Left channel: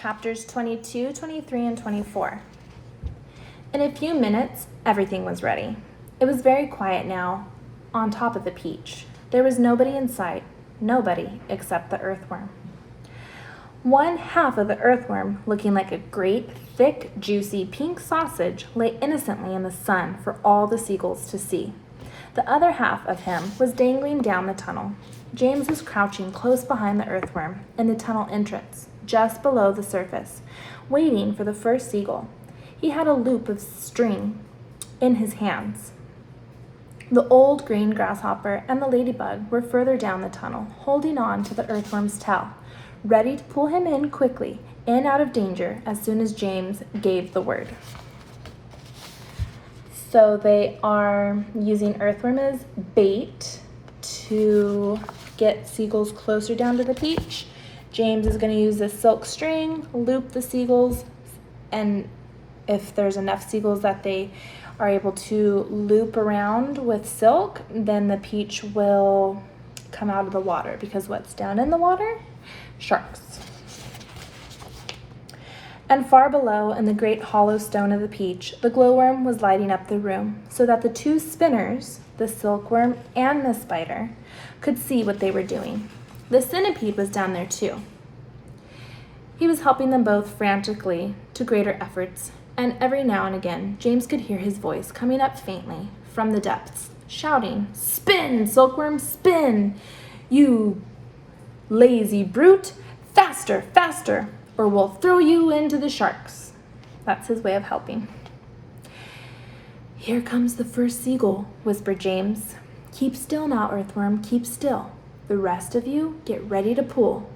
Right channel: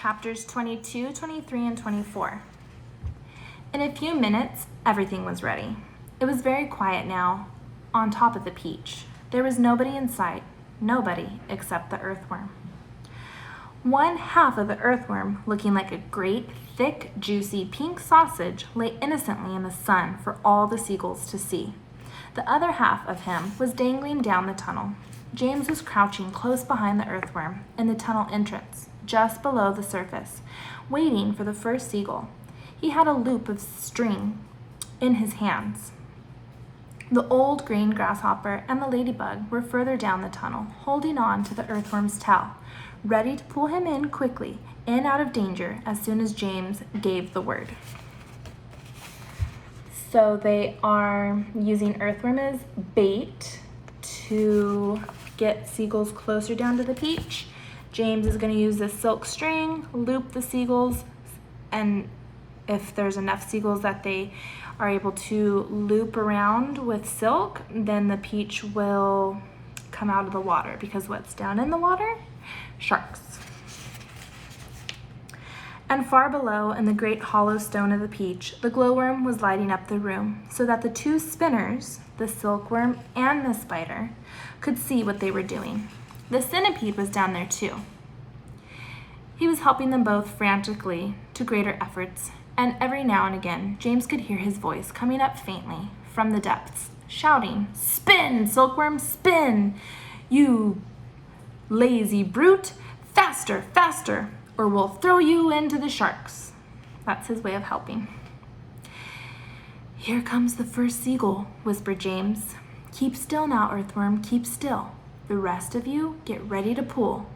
chapters 22, 23, and 24. In a few minutes, everything was ready. It was very quiet now, on top of the peach. There was nobody in sight, nobody except the earthworm. One half of the earthworm, looking like a great, thick, juicy pink sausage, lay innocently in the sun for all the seagulls to see. The other half of him was dangling down the tunnel. James was crouching close behind the earthworm in the tunnel entrance, just below the surface, waiting for the first seagull. He had a loop of string in his hands. The old green grasshopper and the ladybug were further down the tunnel, holding on to the earthworm's tail, ready to pull him in quickly, in out of danger as soon as James gave the word. So they are using earthworm as bait to get seagulls closer down to the peach. James is going to use this silk string, loop the seagulls, and if there's enough seagulls that they are able to loop around with silk, then the peach will come out of the water, because what's down in the water? Sharks. And far below, in the great hollow stone of the peach, the glowworm was lighting up the room, so that the two spinners, the silkworm and the spider, could see what they were doing. The centipede was down there too. He was helping them both frantically to greater efforts, and every now and again, James could hear his voice coming up faintly from the depths, shouting, "Spin, silkworm, spin! You lazy brute! Faster, faster, or we'll throw you into the sharks." That's his way of helping. "Here comes the first seagull," whispered James. "Keep still now, earthworm, keep still. The rest of you get ready to pull."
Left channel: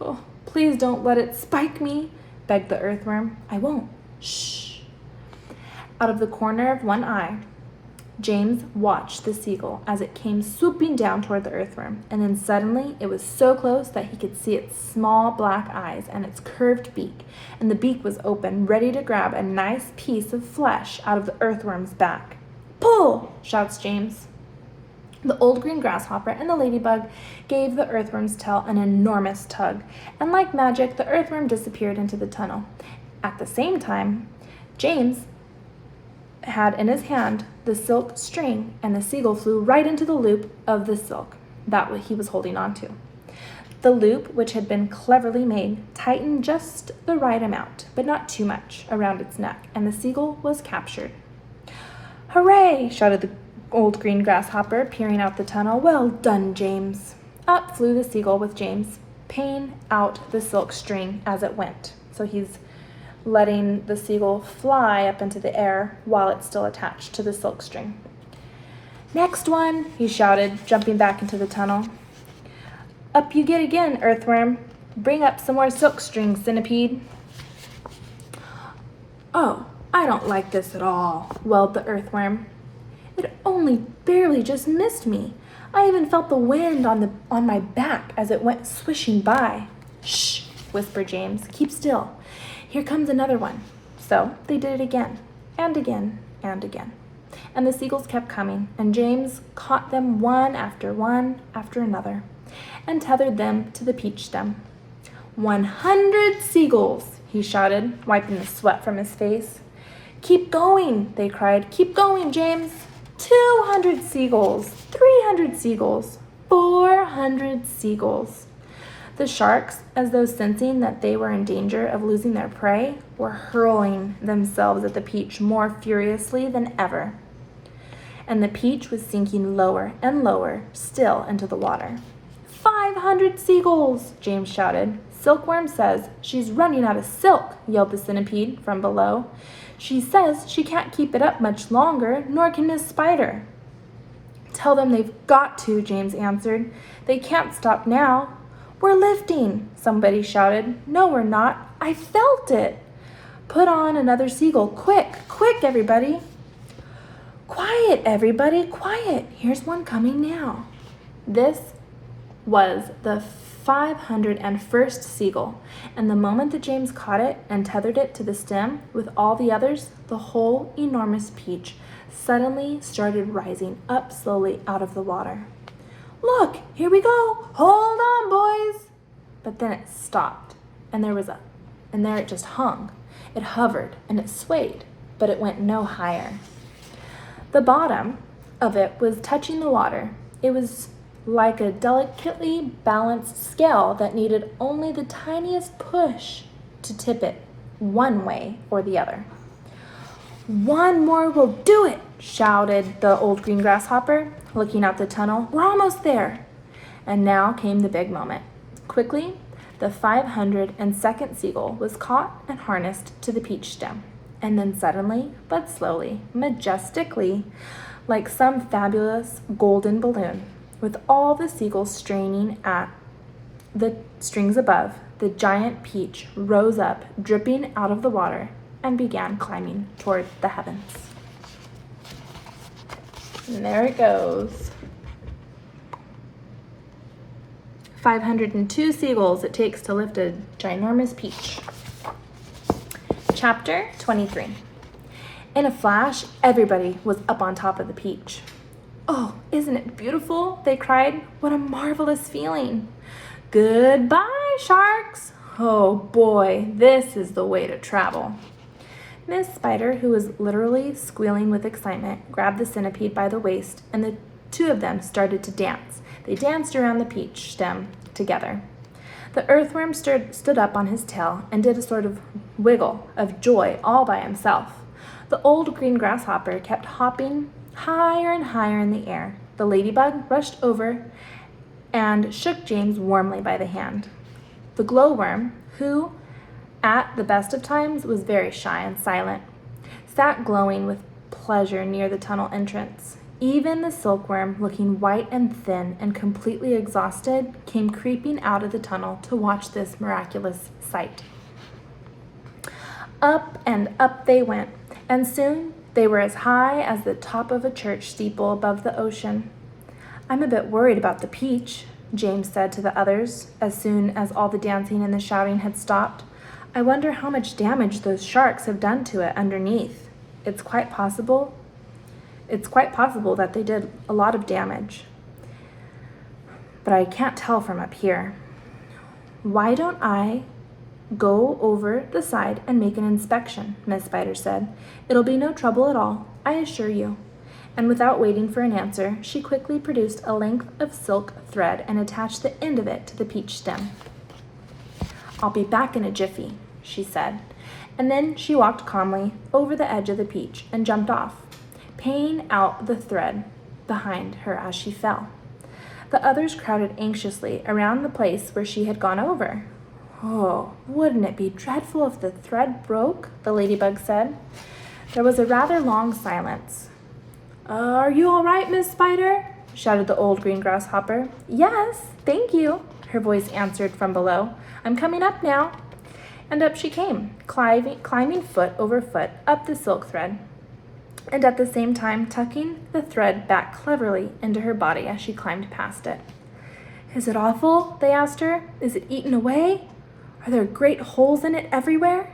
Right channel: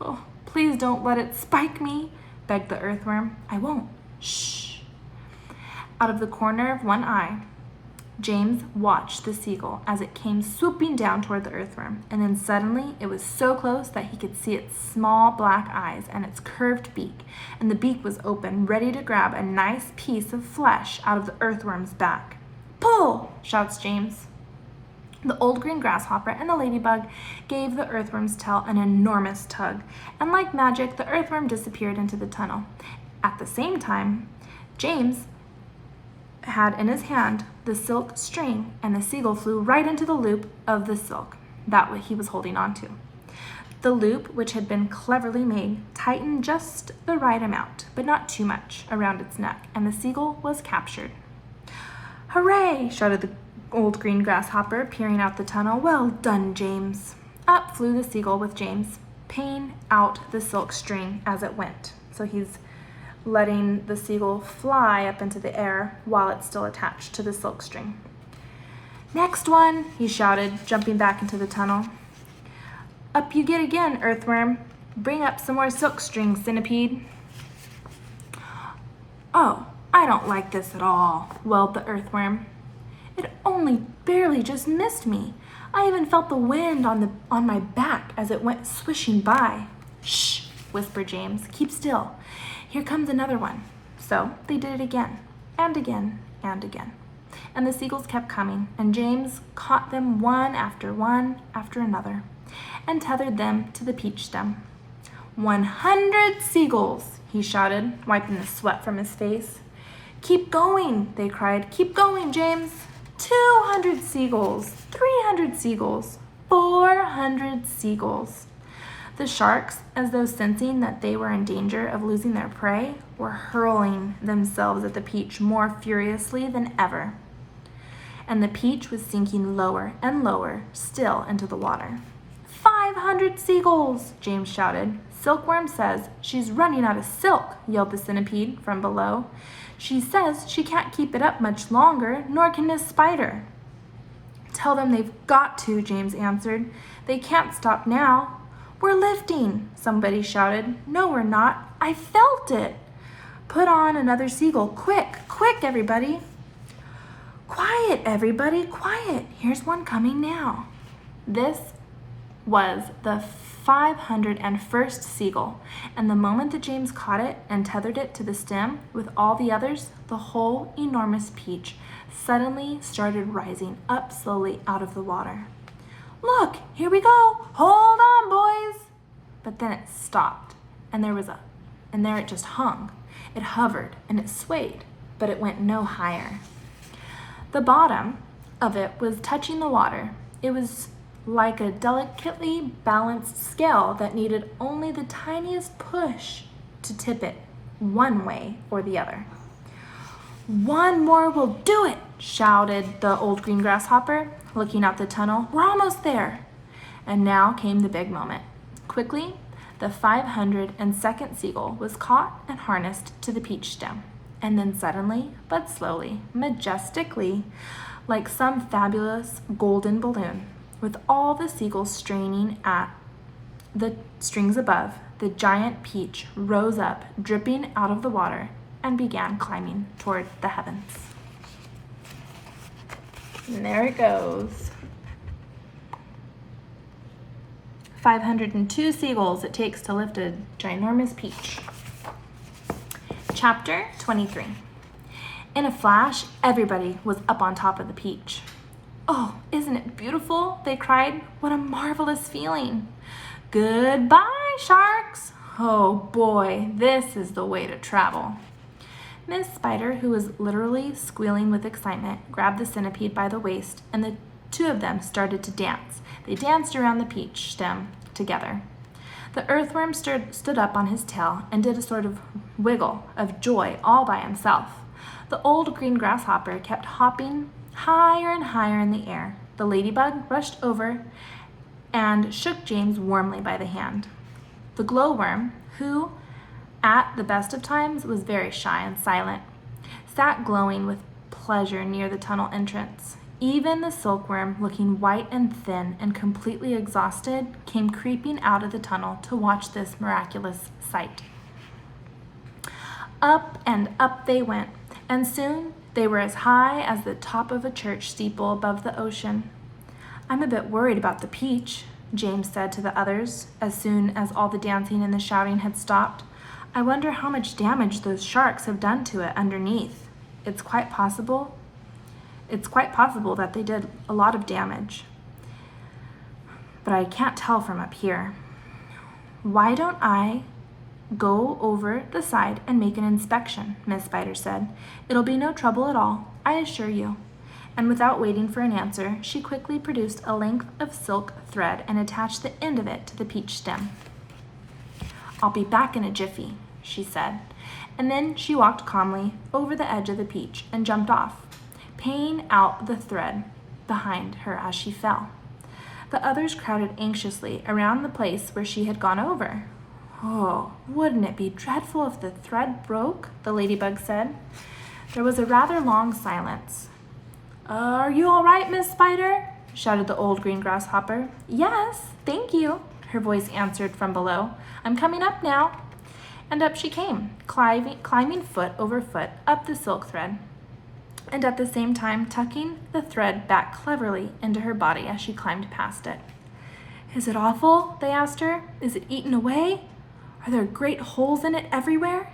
"Oh, please don't let it spike me," begged the earthworm. "I won't. Shh." Out of the corner of one eye, James watched the seagull as it came swooping down toward the earthworm, and then suddenly it was so close that he could see its small black eyes and its curved beak, and the beak was open, ready to grab a nice piece of flesh out of the earthworm's back. "Pull!" shouts James. The old green grasshopper and the ladybug gave the earthworm's tail an enormous tug, and like magic, the earthworm disappeared into the tunnel. At the same time, James had in his hand the silk string, and the seagull flew right into the loop of the silk that he was holding on to. The loop, which had been cleverly made, tightened just the right amount, but not too much, around its neck, and the seagull was captured. "Hooray!" shouted the old green grasshopper, peering out the tunnel. "Well done, James." Up flew the seagull with James, paying out the silk string as it went. So he's letting the seagull fly up into the air while it's still attached to the silk string. "Next one," he shouted, jumping back into the tunnel. "Up you get again, earthworm. Bring up some more silk string, centipede." "Oh, I don't like this at all," wailed the earthworm. "It only barely just missed me. I even felt the wind on my back as it went swishing by." "Shh," whispered James. "Keep still. Here comes another one." So they did it again, and again, and again. And the seagulls kept coming, and James caught them one after another, and tethered them to the peach stem. 100 seagulls, he shouted, wiping the sweat from his face. "Keep going," they cried. "Keep going, James." 200 seagulls, 300 seagulls, 400 seagulls. The sharks, as though sensing that they were in danger of losing their prey, were hurling themselves at the peach more furiously than ever. And the peach was sinking lower and lower still into the water. 500 seagulls, James shouted. "Silkworm says she's running out of silk," yelled the centipede from below. "She says she can't keep it up much longer, nor can Miss Spider." "Tell them they've got to," James answered. "They can't stop now." "We're lifting," somebody shouted. "No, we're not. I felt it." "Put on another seagull. Quick, quick, everybody." "Quiet, everybody, quiet. Here's one coming now." This was the 501st seagull, and the moment that James caught it and tethered it to the stem with all the others, the whole enormous peach suddenly started rising up slowly out of the water. "Look, here we go. Hold on, boys." But then it stopped, and there was a and there it just hung. It hovered and it swayed, but it went no higher. The bottom of it was touching the water. It was like a delicately balanced scale that needed only the tiniest push to tip it one way or the other. "One more will do it," shouted the old green grasshopper, looking out the tunnel. "We're almost there." And now came the big moment. Quickly, the 502nd seagull was caught and harnessed to the peach stem. And then suddenly, but slowly, majestically, like some fabulous golden balloon, with all the seagulls straining at the strings above, the giant peach rose up, dripping out of the water, and began climbing toward the heavens. And there it goes. 502 seagulls it takes to lift a ginormous peach. Chapter 23. In a flash, everybody was up on top of the peach. "Oh, isn't it beautiful?" they cried. "What a marvelous feeling." "Goodbye, sharks." "Oh boy, this is the way to travel." Miss Spider, who was literally squealing with excitement, grabbed the centipede by the waist, and the two of them started to dance. They danced around the peach stem together. The earthworm stood up on his tail and did a sort of wiggle of joy all by himself. The old green grasshopper kept hopping higher and higher in the air. The ladybug rushed over and shook James warmly by the hand. The glowworm, who at the best of times was very shy and silent, sat glowing with pleasure near the tunnel entrance. Even the silkworm, looking white and thin and completely exhausted, came creeping out of the tunnel to watch this miraculous sight. Up and up they went, and soon they were as high as the top of a church steeple above the ocean. "I'm a bit worried about the peach," James said to the others as soon as all the dancing and the shouting had stopped. "I wonder how much damage those sharks have done to it underneath. It's quite possible that they did a lot of damage, but I can't tell from up here. Why don't I go over the side and make an inspection?" Miss Spider said. "It'll be no trouble at all, I assure you." And without waiting for an answer, she quickly produced a length of silk thread and attached the end of it to the peach stem. "I'll be back in a jiffy," she said, and then she walked calmly over the edge of the peach and jumped off, paying out the thread behind her as she fell. The others crowded anxiously around the place where she had gone over. "Oh, wouldn't it be dreadful if the thread broke?" the ladybug said. There was a rather long silence. "Are you all right, Miss Spider?" shouted the old green grasshopper. "Yes, thank you," her voice answered from below. "I'm coming up now." And up she came, climbing foot over foot up the silk thread, and at the same time tucking the thread back cleverly into her body as she climbed past it. "Is it awful?" they asked her. "Is it eaten away? Are there great holes in it everywhere?"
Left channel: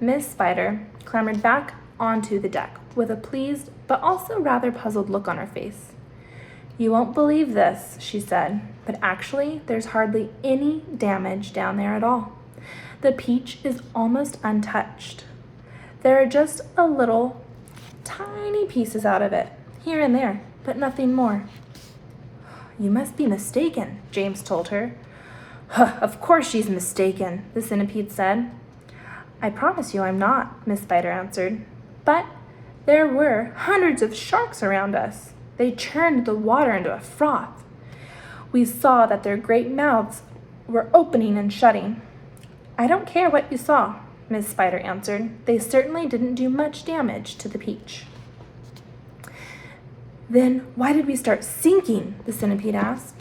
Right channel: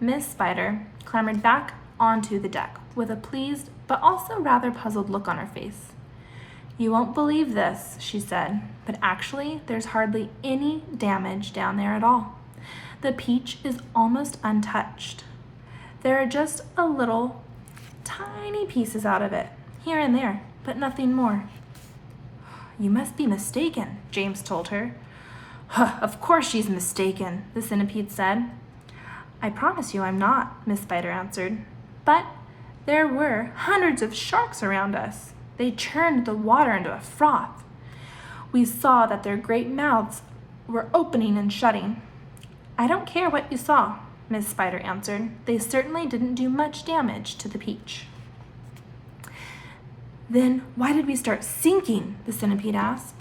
Miss Spider clambered back onto the deck with a pleased but also rather puzzled look on her face. "You won't believe this," she said, "but actually there's hardly any damage down there at all. The peach is almost untouched. There are just a little tiny pieces out of it, here and there, but nothing more." "You must be mistaken," James told her. "Huh, of course she's mistaken," the centipede said. "I promise you I'm not," Miss Spider answered. "But there were hundreds of sharks around us. They churned the water into a froth. We saw that their great mouths were opening and shutting." "I don't care what you saw," Miss Spider answered. "They certainly didn't do much damage to the peach." "Then why did we start sinking?" the centipede asked.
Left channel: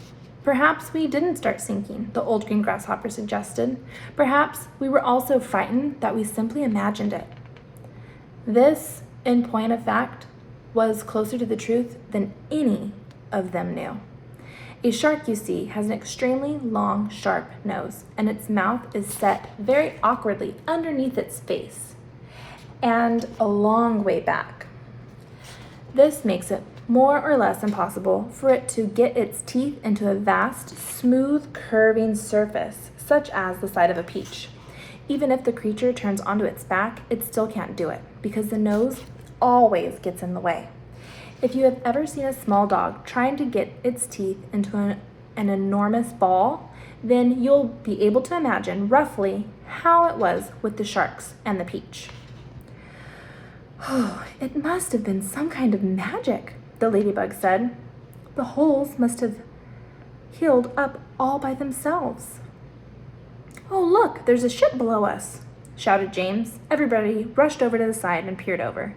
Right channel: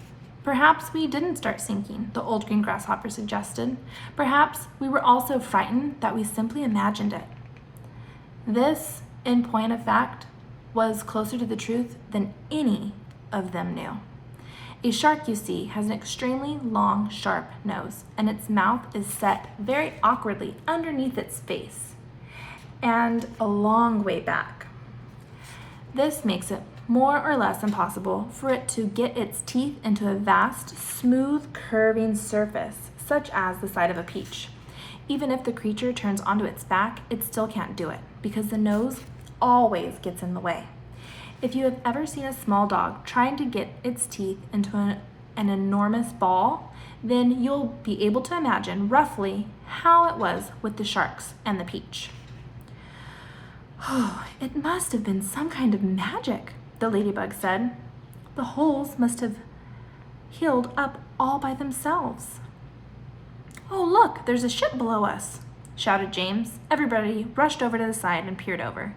"Perhaps we didn't start sinking," the old green grasshopper suggested. "Perhaps we were all so frightened that we simply imagined it." This, in point of fact, was closer to the truth than any of them knew. A shark, you see, has an extremely long, sharp nose, and its mouth is set very awkwardly underneath its face and a long way back. This makes it more or less impossible for it to get its teeth into a vast, smooth, curving surface, such as the side of a peach. Even if the creature turns onto its back, it still can't do it because the nose always gets in the way. If you have ever seen a small dog trying to get its teeth into an enormous ball, then you'll be able to imagine roughly how it was with the sharks and the peach. Oh, it must have been some kind of magic, the ladybug said. The holes must have healed up all by themselves. Oh, look, there's a ship below us, shouted James. Everybody rushed over to the side and peered over.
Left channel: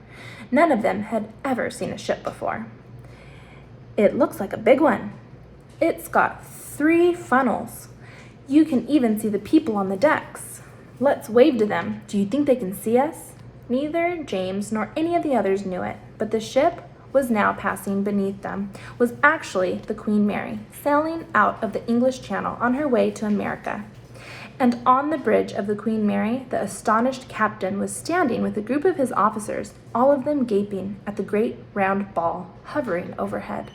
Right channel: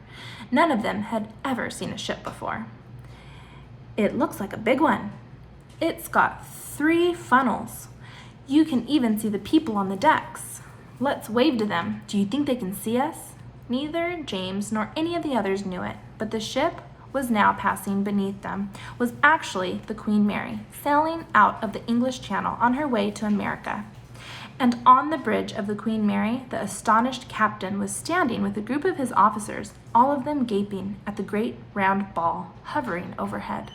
None of them had ever seen a ship before. It looks like a big one. It's got 3 funnels. You can even see the people on the decks. Let's wave to them. Do you think they can see us? Neither James nor any of the others knew it, but the ship was now passing beneath them was actually the Queen Mary, sailing out of the English Channel on her way to America. And on the bridge of the Queen Mary, the astonished captain was standing with a group of his officers, all of them gaping at the great round ball hovering overhead.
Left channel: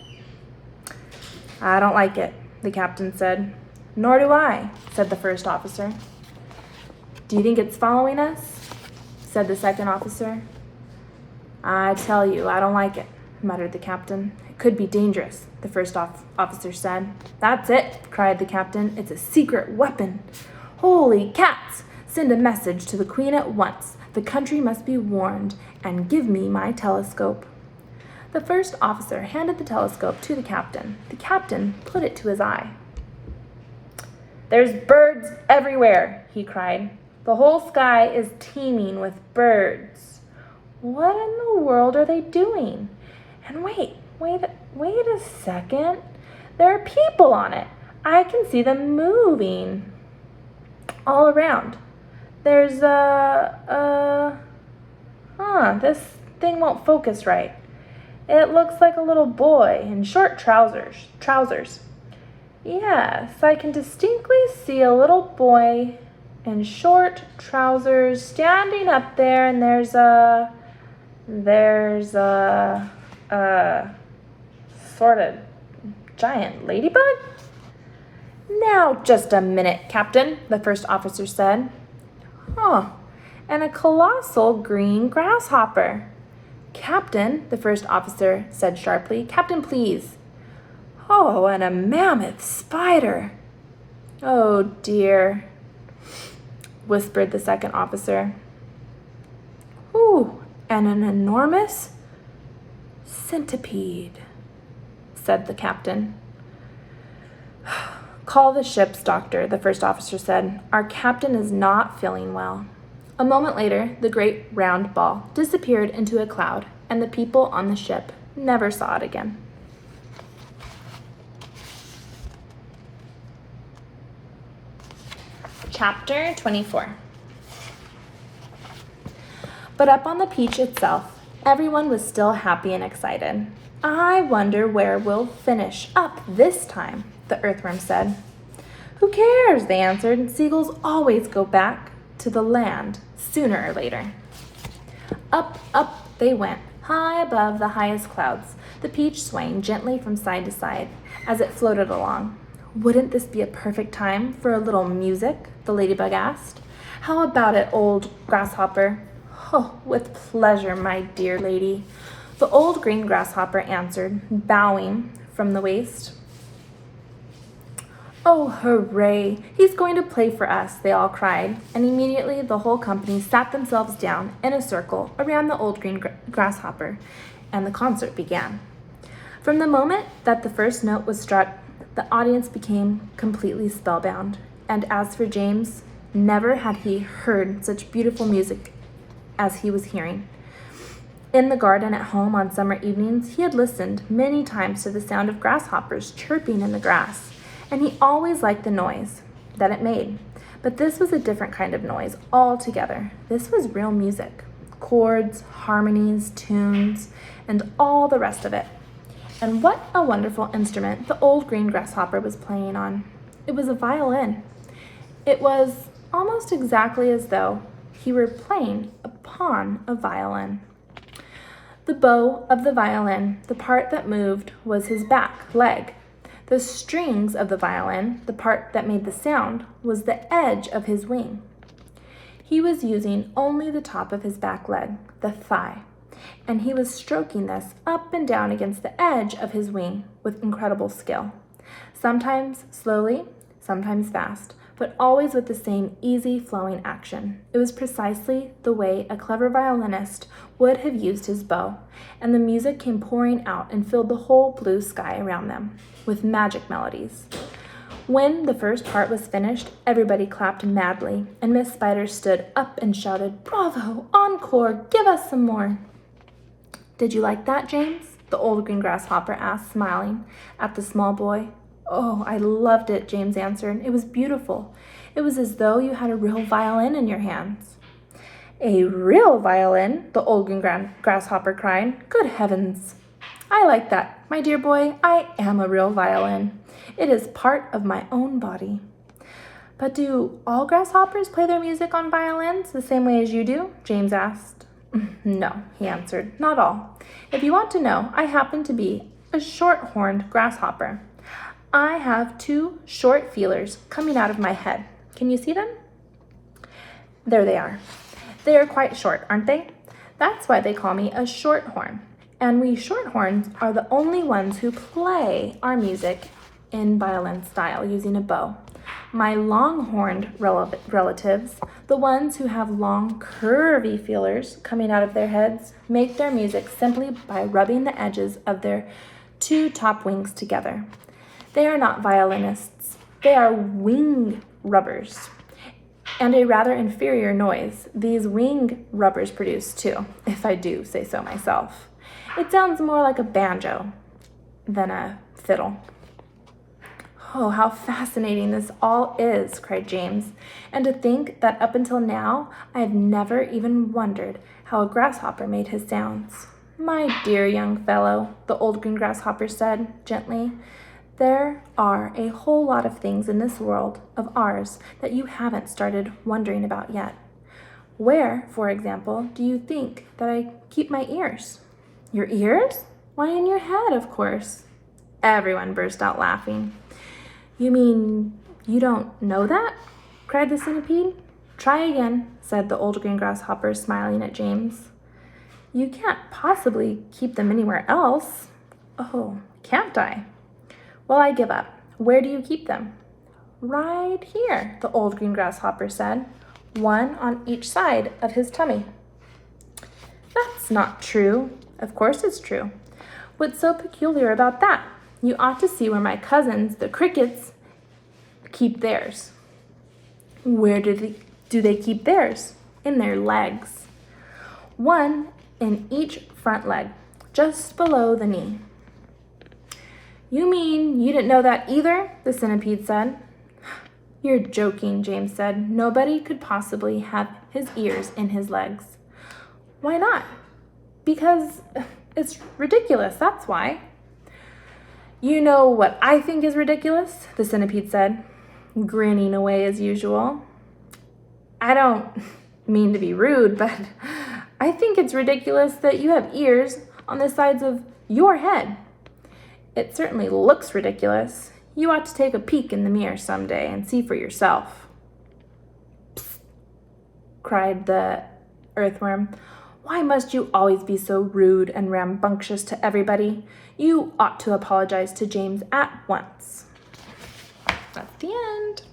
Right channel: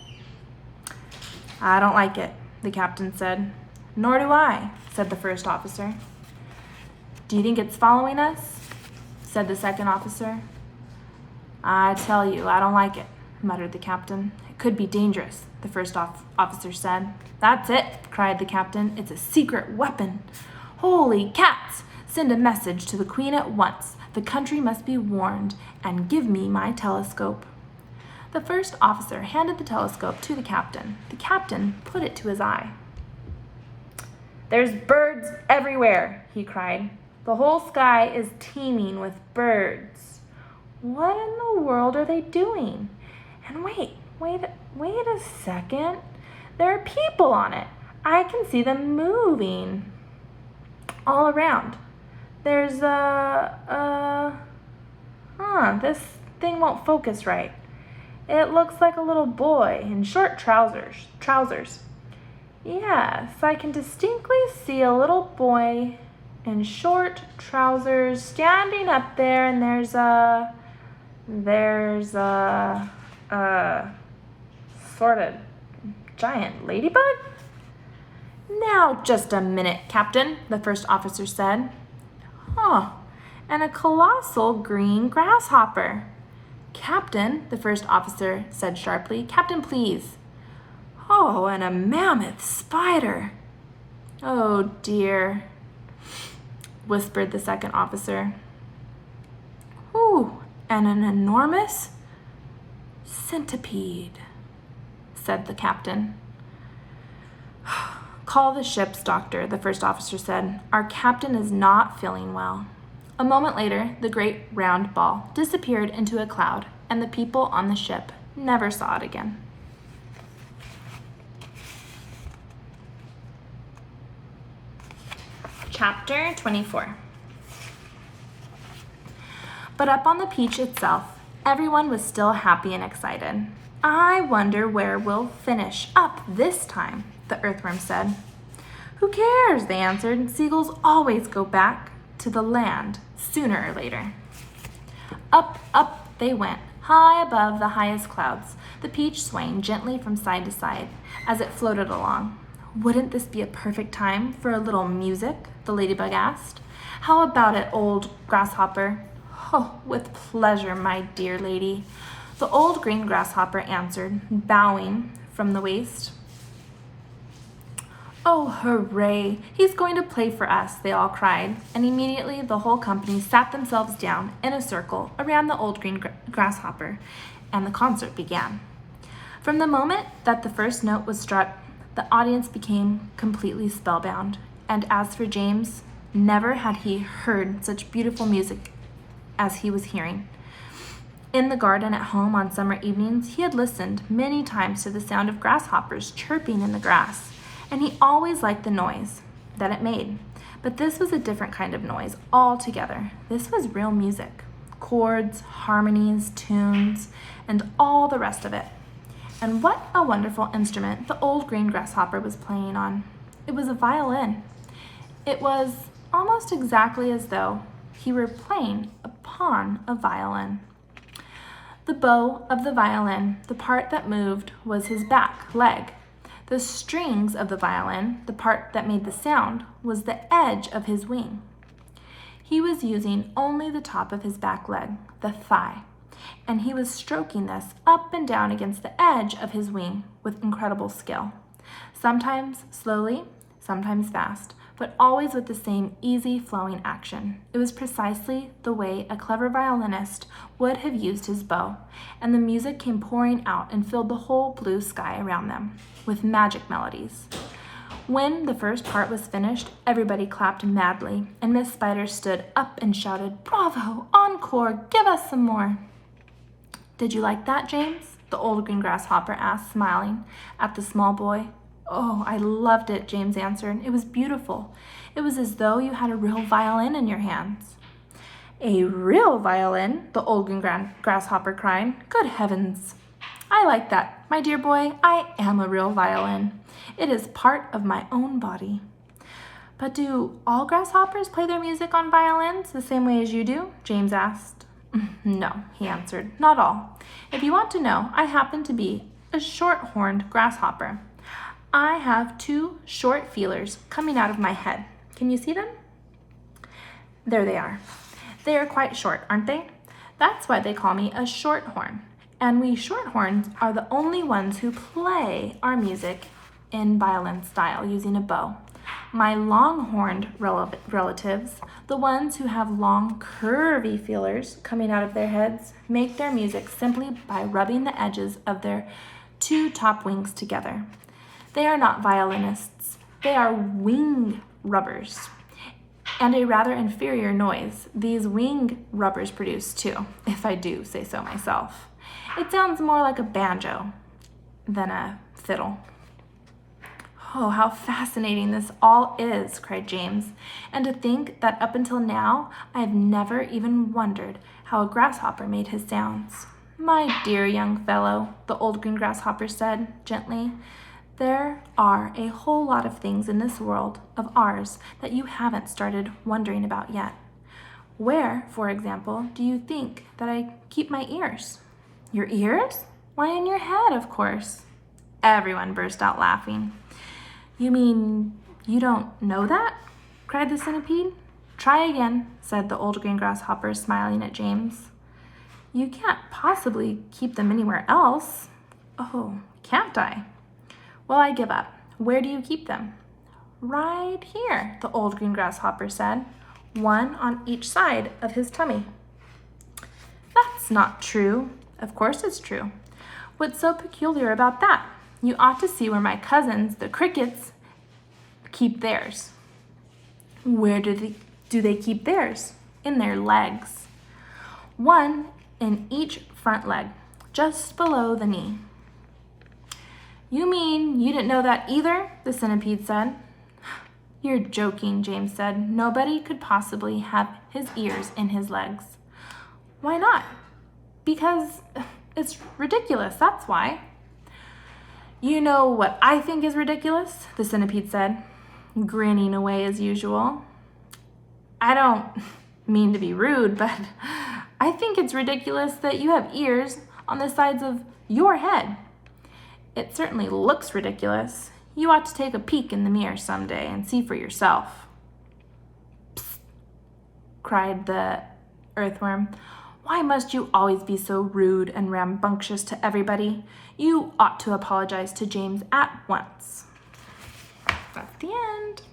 I don't like it, the captain said. Nor do I, said the first officer. Do you think it's following us? Said the second officer. I tell you, I don't like it, muttered the captain. It could be dangerous, the first officer said. That's it, cried the captain. It's a secret weapon. Holy cats! Send a message to the Queen at once. The country must be warned, and give me my telescope. The first officer handed the telescope to the captain. The captain put it to his eye. There's birds everywhere, he cried. The whole sky is teeming with birds. What in the world are they doing? And wait a second. There are people on it. I can see them moving all around. There's this thing won't focus right. It looks like a little boy in short trousers. Yes, I can distinctly see a little boy in short trousers standing up there, and there's a sort of giant ladybug? Now, just a minute, Captain, the first officer said. Oh, and a colossal green grasshopper. Captain, the first officer said sharply. Captain, please. Oh, and a mammoth spider. Oh, dear, whispered the second officer. Ooh, and an enormous centipede, said the captain. Call the ship's doctor, the first officer said. Our captain is not feeling well. A moment later, the great round ball disappeared into a cloud, and the people on the ship never saw it again. Chapter 24. But up on the peach itself, everyone was still happy and excited. I wonder where we'll finish up this time, the earthworm said. Who cares, they answered. Seagulls always go back to the land sooner or later. Up, up they went, high above the highest clouds, the peach swaying gently from side to side as it floated along. Wouldn't this be a perfect time for a little music? The ladybug asked. How about it, old grasshopper? Oh, with pleasure, my dear lady, the old green grasshopper answered, bowing from the waist. Oh, hooray! He's going to play for us, they all cried, and immediately the whole company sat themselves down in a circle around the old green grasshopper, and the concert began. From the moment that the first note was struck, the audience became completely spellbound, and as for James, never had he heard such beautiful music as he was hearing. In the garden at home on summer evenings, he had listened many times to the sound of grasshoppers chirping in the grass, and he always liked the noise that it made. But this was a different kind of noise altogether. This was real music, chords, harmonies, tunes, and all the rest of it. And what a wonderful instrument the old green grasshopper was playing on. It was a violin. It was almost exactly as though he were playing upon a violin. The bow of the violin, the part that moved, was his back leg. The strings of the violin, the part that made the sound, was the edge of his wing. He was using only the top of his back leg, the thigh, and he was stroking this up and down against the edge of his wing with incredible skill. Sometimes slowly, sometimes fast, but always with the same easy flowing action. It was precisely the way a clever violinist would have used his bow, and the music came pouring out and filled the whole blue sky around them with magic melodies. When the first part was finished, everybody clapped madly, and Miss Spider stood up and shouted, "Bravo! Encore! Give us some more!" "Did you like that, James?" the old green grasshopper asked, smiling at the small boy. "Oh, I loved it," James answered. "It was beautiful. It was as though you had a real violin in your hands." "A real violin?" the old green grasshopper cried. "Good heavens! I like that. My dear boy, I am a real violin. It is part of my own body." "But do all grasshoppers play their music on violins the same way as you do?" James asked. "No," he answered, "not all. If you want to know, I happen to be a short-horned grasshopper. I have 2 short feelers coming out of my head. Can you see them? There they are. They are quite short, aren't they? That's why they call me a shorthorn. And we shorthorns are the only ones who play our music in violin style using a bow. My long-horned relatives, the ones who have long, curvy feelers coming out of their heads, make their music simply by rubbing the edges of their 2 top wings together. They are not violinists. They are wing rubbers. And a rather inferior noise these wing rubbers produce, too, if I do say so myself. It sounds more like a banjo than a fiddle." "Oh, how fascinating this all is," cried James. "And to think that up until now I have never even wondered how a grasshopper made his sounds." "My dear young fellow," the old green grasshopper said gently, "there are a whole lot of things in this world of ours that you haven't started wondering about yet. Where, for example, do you think that I keep my ears?" "Your ears? Why, in your head, of course." Everyone burst out laughing. "You mean you don't know that?" cried the centipede. "Try again," said the old green grasshopper, smiling at James. "You can't possibly keep them anywhere else." "Oh, can't I? Well, I give up. Where do you keep them?" "Right here," the old green grasshopper said, "one on each side of his tummy." "That's not true." "Of course it's true. What's so peculiar about that? You ought to see where my cousins, the crickets, keep theirs." "Where do they keep theirs?" "In their legs. One in each front leg, just below the knee." "You mean you didn't know that either?" the centipede said. "You're joking," James said. "Nobody could possibly have his ears in his legs." "Why not?" "Because it's ridiculous, that's why." "You know what I think is ridiculous?" the centipede said, grinning away as usual. "I don't mean to be rude, but I think it's ridiculous that you have ears on the sides of your head. It certainly looks ridiculous. You ought to take a peek in the mirror someday and see for yourself." "Psst," cried the earthworm. "Why must you always be so rude and rambunctious to everybody? You ought to apologize to James at once." That's the end.